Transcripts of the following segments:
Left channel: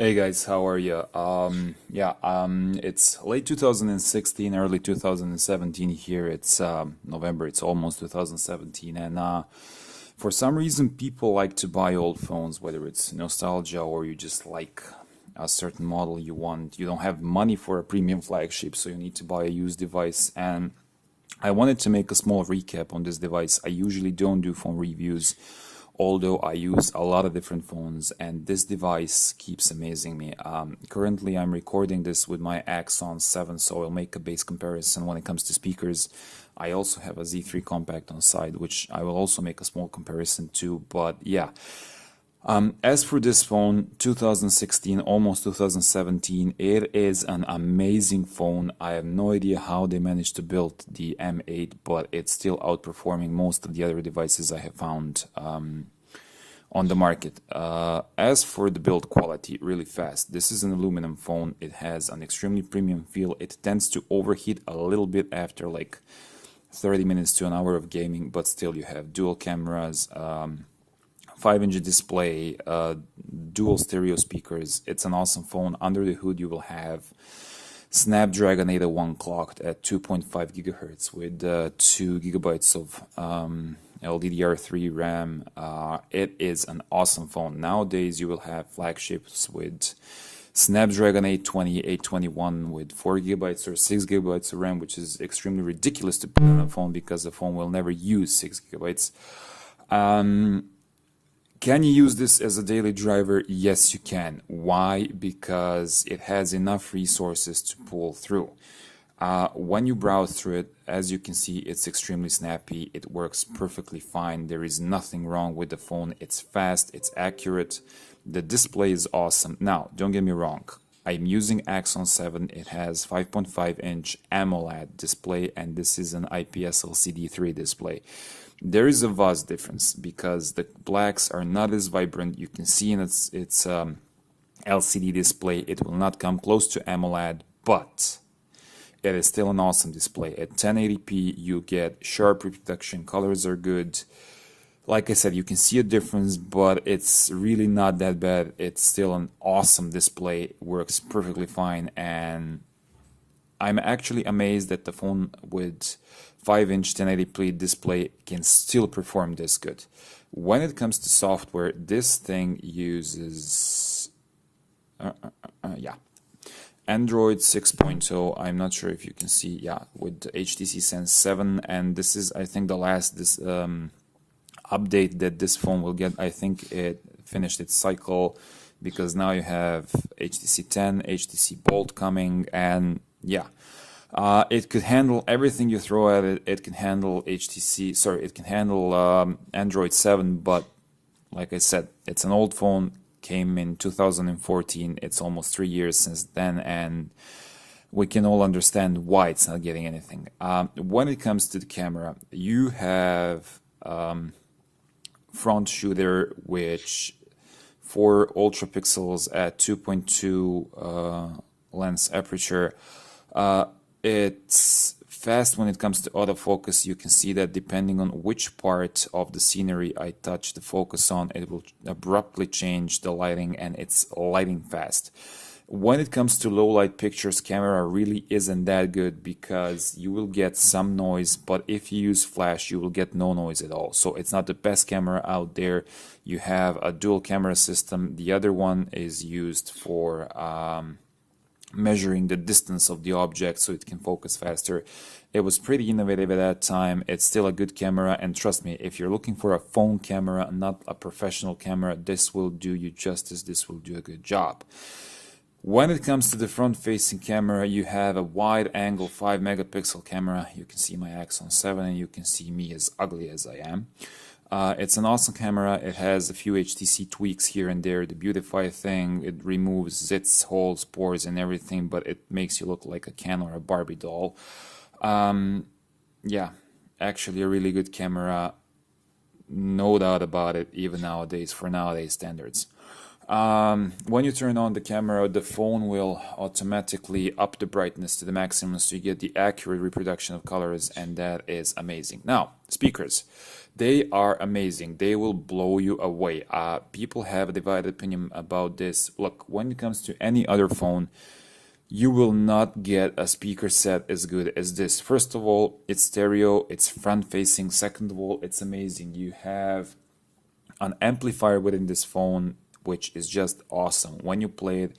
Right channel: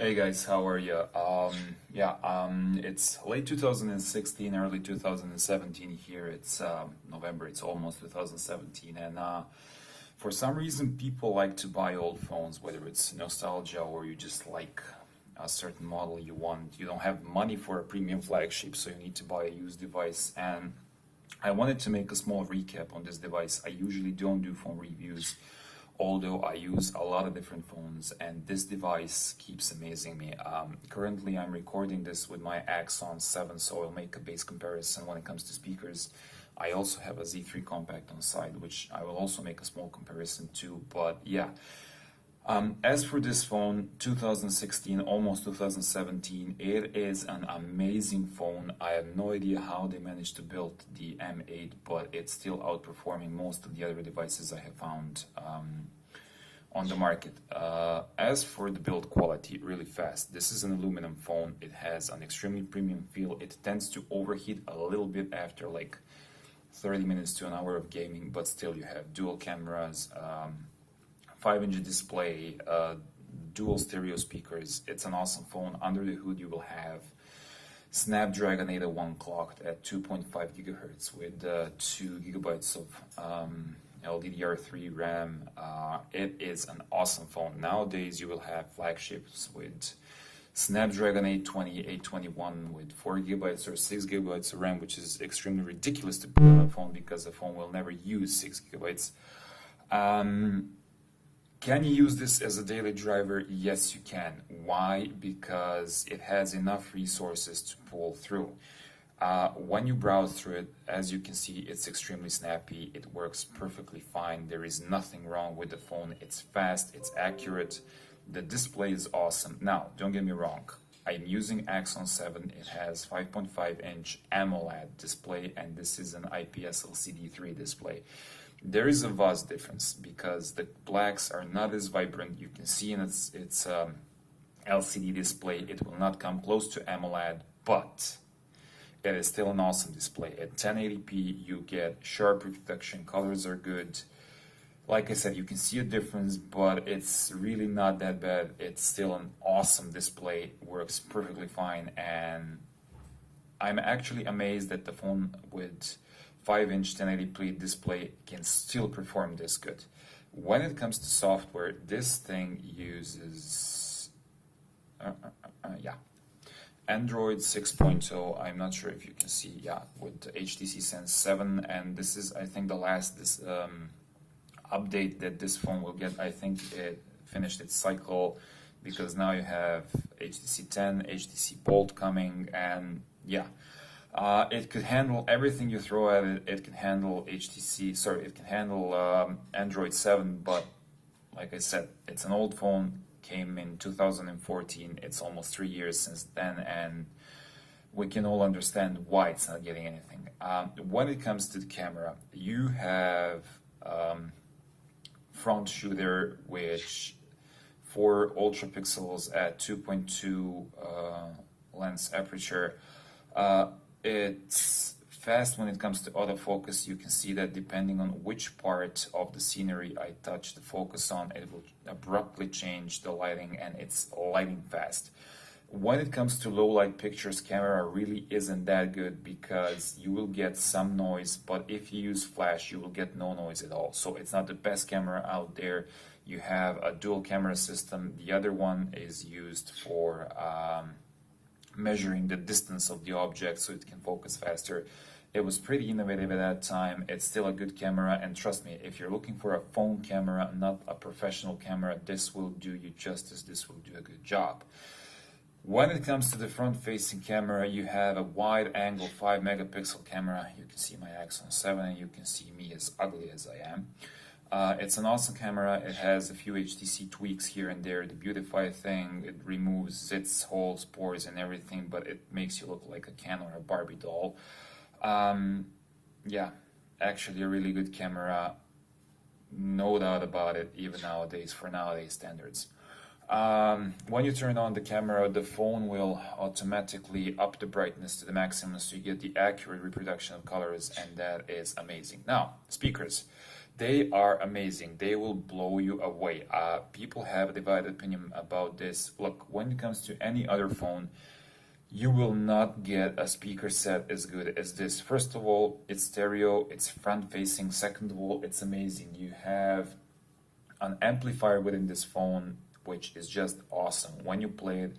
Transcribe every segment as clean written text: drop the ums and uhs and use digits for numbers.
Hey guys, how are you? It's late 2016, early 2017 here. It's November, it's almost 2017, and for some reason, people like to buy old phones, whether it's nostalgia or you just like a certain model you want. You don't have money for a premium flagship, so you need to buy a used device. And I wanted to make a small recap on this device. I usually don't do phone reviews, although I use a lot of different phones, and this device keeps amazing me. Currently, I'm recording this with my Axon 7, so I'll make a base comparison when it comes to speakers. I also have a Z3 compact on side, which I will also make a small comparison to, but yeah. As for this phone, 2016, almost 2017, it is an amazing phone. I have no idea how they managed to build the M8, but it's still outperforming most of the other devices I have found on the market. As for the build quality, really fast. This is an aluminum phone. It has an extremely premium feel. It tends to overheat a little bit after like 30 minutes to an hour of gaming, but still you have dual cameras, 5-inch display, dual stereo speakers. It's an awesome phone. Under the hood you will have Snapdragon 801 clocked at 2.5 gigahertz with 2 gigabytes of LDDR3 RAM. It is an awesome phone. Nowadays you will have flagships with Snapdragon 820, 821 with 4 gigabytes or 6 gigabytes of RAM, which is extremely ridiculous to put on a phone because the phone will never use 6 gigabytes. Can you use this as a daily driver? Yes, you can. Why? Because it has enough resources to pull through. When you browse through it, as you can see, it's extremely snappy. It works perfectly fine. There is nothing wrong with the phone. It's fast, it's accurate. The display is awesome. Now, don't get me wrong. I'm using Axon 7. It has 5.5-inch AMOLED display, and this is an IPS LCD3 display. There is a vast difference because the blacks are not as vibrant. You can see in its LCD display, it will not come close to AMOLED, but it is still an awesome display. At 1080p, you get sharp reproduction, colors are good. Like I said, you can see a difference, but it's really not that bad. It's still an awesome display, works perfectly fine, and I'm actually amazed that the phone with 5-inch 1080p display can still perform this good. When it comes to software, this thing uses Android 6.0. I'm not sure if you can see, with the HTC Sense 7, and this is, I think, the last update that this phone will get. I think it finished its cycle because now you have HTC 10, HTC Bolt coming, and it could handle everything you throw at it. It can handle it can handle Android 7, but like I said, it's an old phone, came in 2014. It's almost 3 years since then, and we can all understand why it's not getting anything. When it comes to the camera, you have front shooter, which 4 ultra pixels at 2.2 lens aperture. It's fast when it comes to autofocus. You can see that depending on which part of the scenery I touch the focus on, it will abruptly change the lighting, and it's lighting fast. When it comes to low light pictures, camera really isn't that good because you will get some noise, but if you use flash, you will get no noise at all. So it's not the best camera out there. You have a dual camera system. The other one is used for measuring the distance of the object so it can focus faster. It was pretty innovative at that time. It's still a good camera, and trust me, if you're looking for a phone camera, not a professional camera, this will do you justice. This will do a good job. When it comes to the front-facing camera, you have a wide-angle 5-megapixel camera. You can see my Axon 7, and you can see me as ugly as I am. It's an awesome camera. It has a few HTC tweaks here and there. The beautify thing, it removes zits, holes, pores, and everything, but it makes you look like a Ken or a Barbie doll. Actually a really good camera, no doubt about it, even nowadays, for nowadays standards. When you turn on the camera, the phone will automatically up the brightness to the maximum so you get the accurate reproduction of colors, and that is amazing. Now, speakers. They are amazing. They will blow you away. People have a divided opinion about this. Look, when it comes to any other phone, you will not get a speaker set as good as this. First of all, it's stereo, it's front facing. Second of all, it's amazing. You have an amplifier within this phone, which is just awesome. When you play it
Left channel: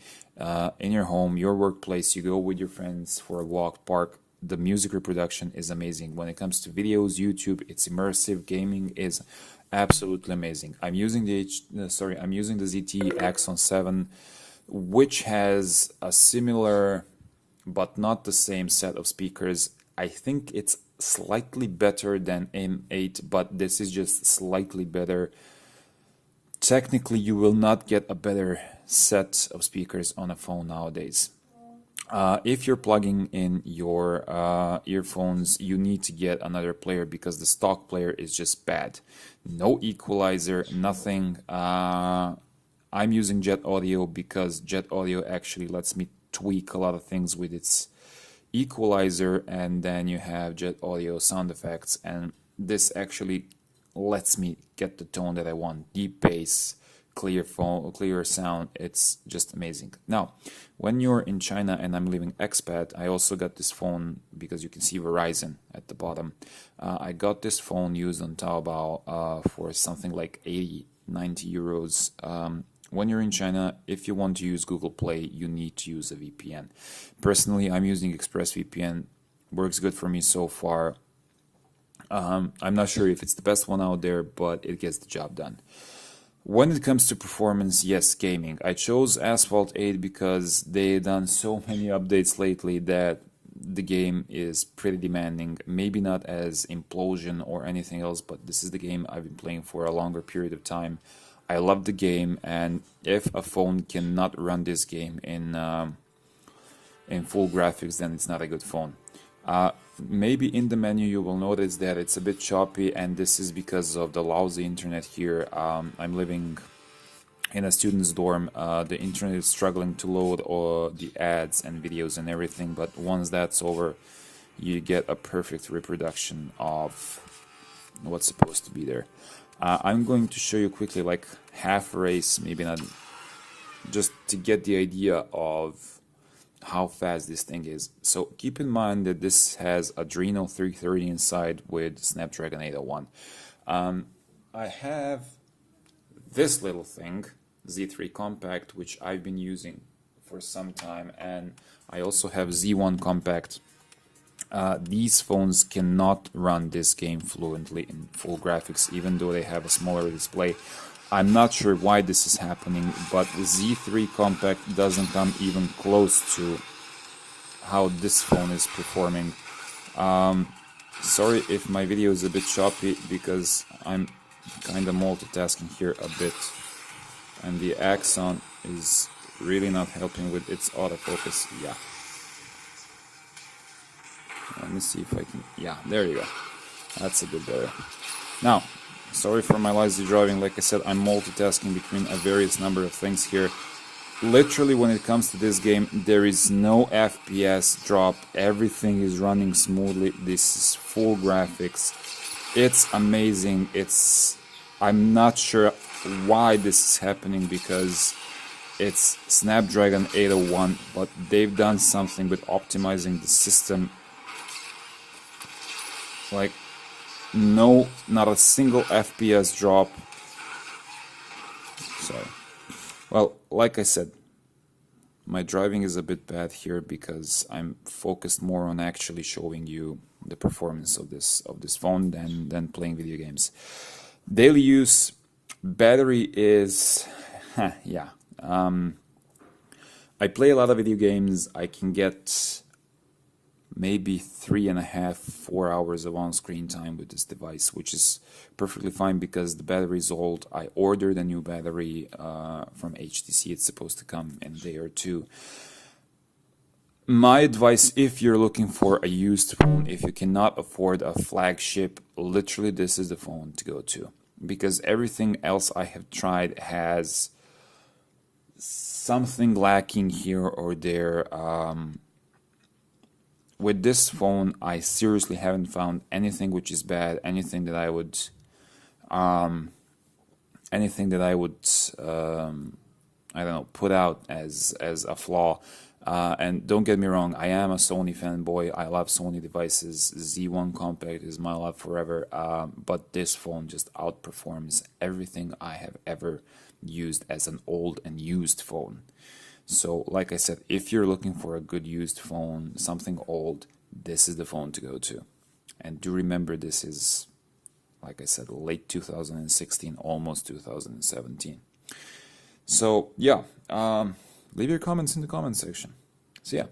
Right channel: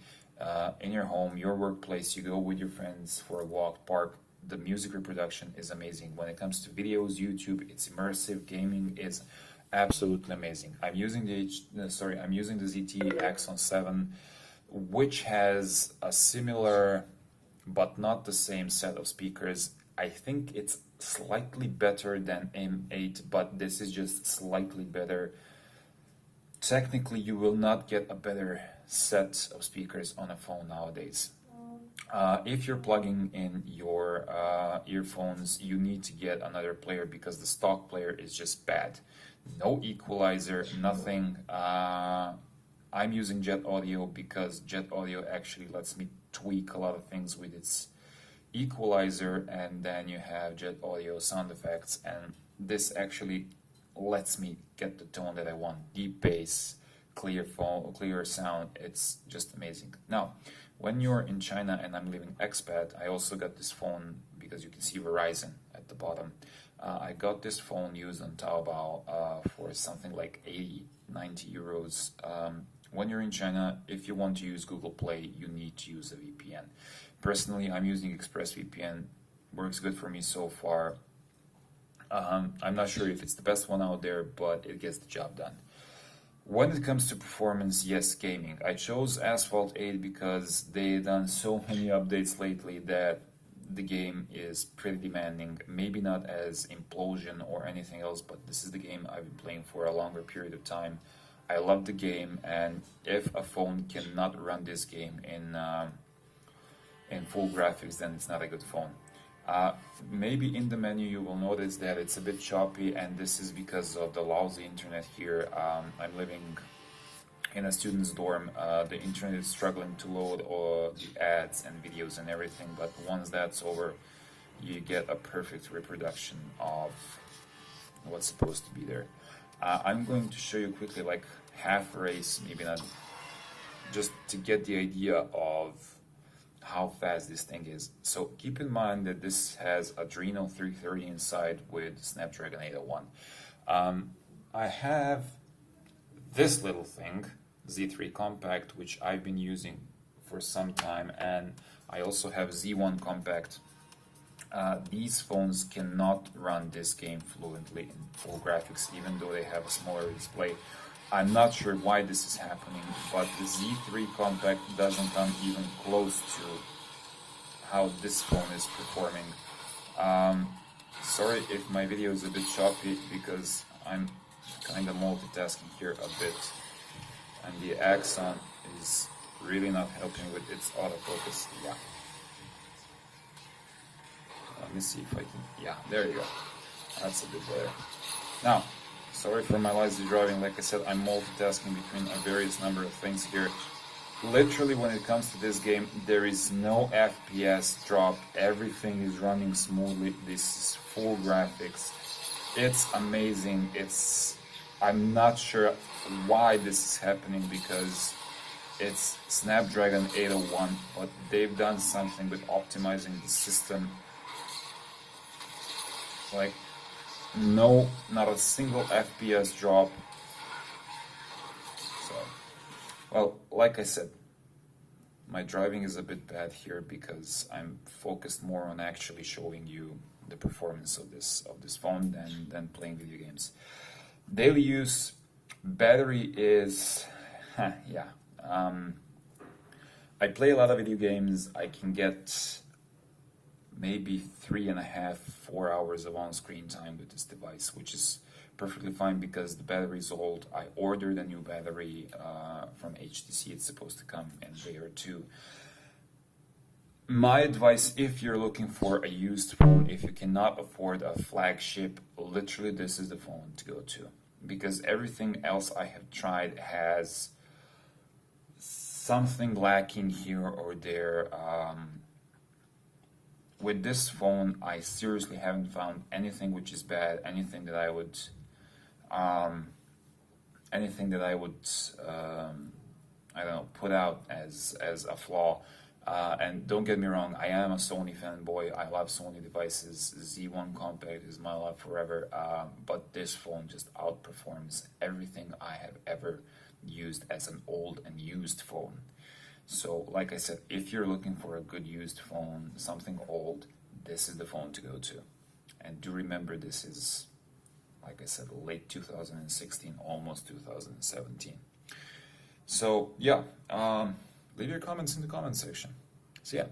in your home, your workplace, you go with your friends for a walk, park, the music reproduction is amazing. When it comes to videos, YouTube, it's immersive. Gaming is absolutely amazing. I'm using the ZTE Axon 7, which has a similar but not the same set of speakers. I think it's slightly better than M8, but this is just slightly better. Technically, you will not get a better set of speakers on a phone nowadays. If you're plugging in your earphones, you need to get another player because the stock player is just bad. No equalizer, nothing. I'm using Jet Audio because Jet Audio actually lets me tweak a lot of things with its equalizer, and then you have Jet Audio sound effects, and this actually lets me get the tone that I want. Deep bass, clear sound. It's just amazing. Now, when you're in China and I'm living expat, I also got this phone because you can see Verizon at the bottom. I got this phone used on Taobao for something like 80-90 euros. When you're in China, if you want to use Google Play, you need to use a VPN. Personally, I'm using ExpressVPN. Works good for me so far. I'm not sure if it's the best one out there, but it gets the job done. When it comes to performance, yes, gaming. I chose Asphalt 8 because they've done so many updates lately that the game is pretty demanding. Maybe not as Implosion or anything else, but this is the game I've been playing for a longer period of time. I love the game, and if a phone cannot run this game in full graphics, then it's not a good phone. Maybe in the menu you will notice that it's a bit choppy, and this is because of the lousy internet here. I'm living in a student's dorm. The internet is struggling to load all the ads and videos and everything, but once that's over, you get a perfect reproduction of what's supposed to be there. I'm going to show you quickly, like half a race, maybe not, just to get the idea of how fast this thing is. So keep in mind that this has Adreno 330 inside with Snapdragon 801. I have this little thing, Z3 Compact, which I've been using for some time, and I also have Z1 Compact. These phones cannot run this game fluently in full graphics, even though they have a smaller display. I'm not sure why this is happening, but the Z3 Compact doesn't come even close to how this phone is performing. Sorry if my video is a bit choppy, because I'm kind of multitasking here a bit, and the Axon is really not helping with its autofocus. Yeah. Let me see if I can... Yeah, there you go. That's a bit better. Now, sorry for my lazy driving. Like I said, I'm multitasking between a various number of things here. Literally, when it comes to this game, there is no FPS drop. Everything is running smoothly. This is full graphics. It's amazing. I'm not sure why this is happening, because it's Snapdragon 801, but they've done something with optimizing the system. Like, no, not a single FPS drop. So, well, like I said, my driving is a bit bad here because I'm focused more on actually showing you the performance of this phone than playing video games. Daily use, battery is, yeah. I play a lot of video games. I can get maybe 3.5-4 hours of on-screen time with this device, which is perfectly fine because the battery is old. I ordered a new battery from HTC. It's supposed to come in a day or two. My advice, if you're looking for a used phone, if you cannot afford a flagship, literally this is the phone to go to, because everything else I have tried has something lacking here or there. With this phone, I seriously haven't found anything which is bad, anything that I would Anything that I would I don't know, put out as a flaw. And don't get me wrong, I am a Sony fanboy. I love Sony devices. Z1 Compact is my love forever. But this phone just outperforms everything I have ever used as an old and used phone. So, like I said, if you're looking for a good used phone, something old, this is the phone to go to. And do remember, this is, like I said, late 2016, almost 2017. So, yeah, leave your comments in the comment section. See ya.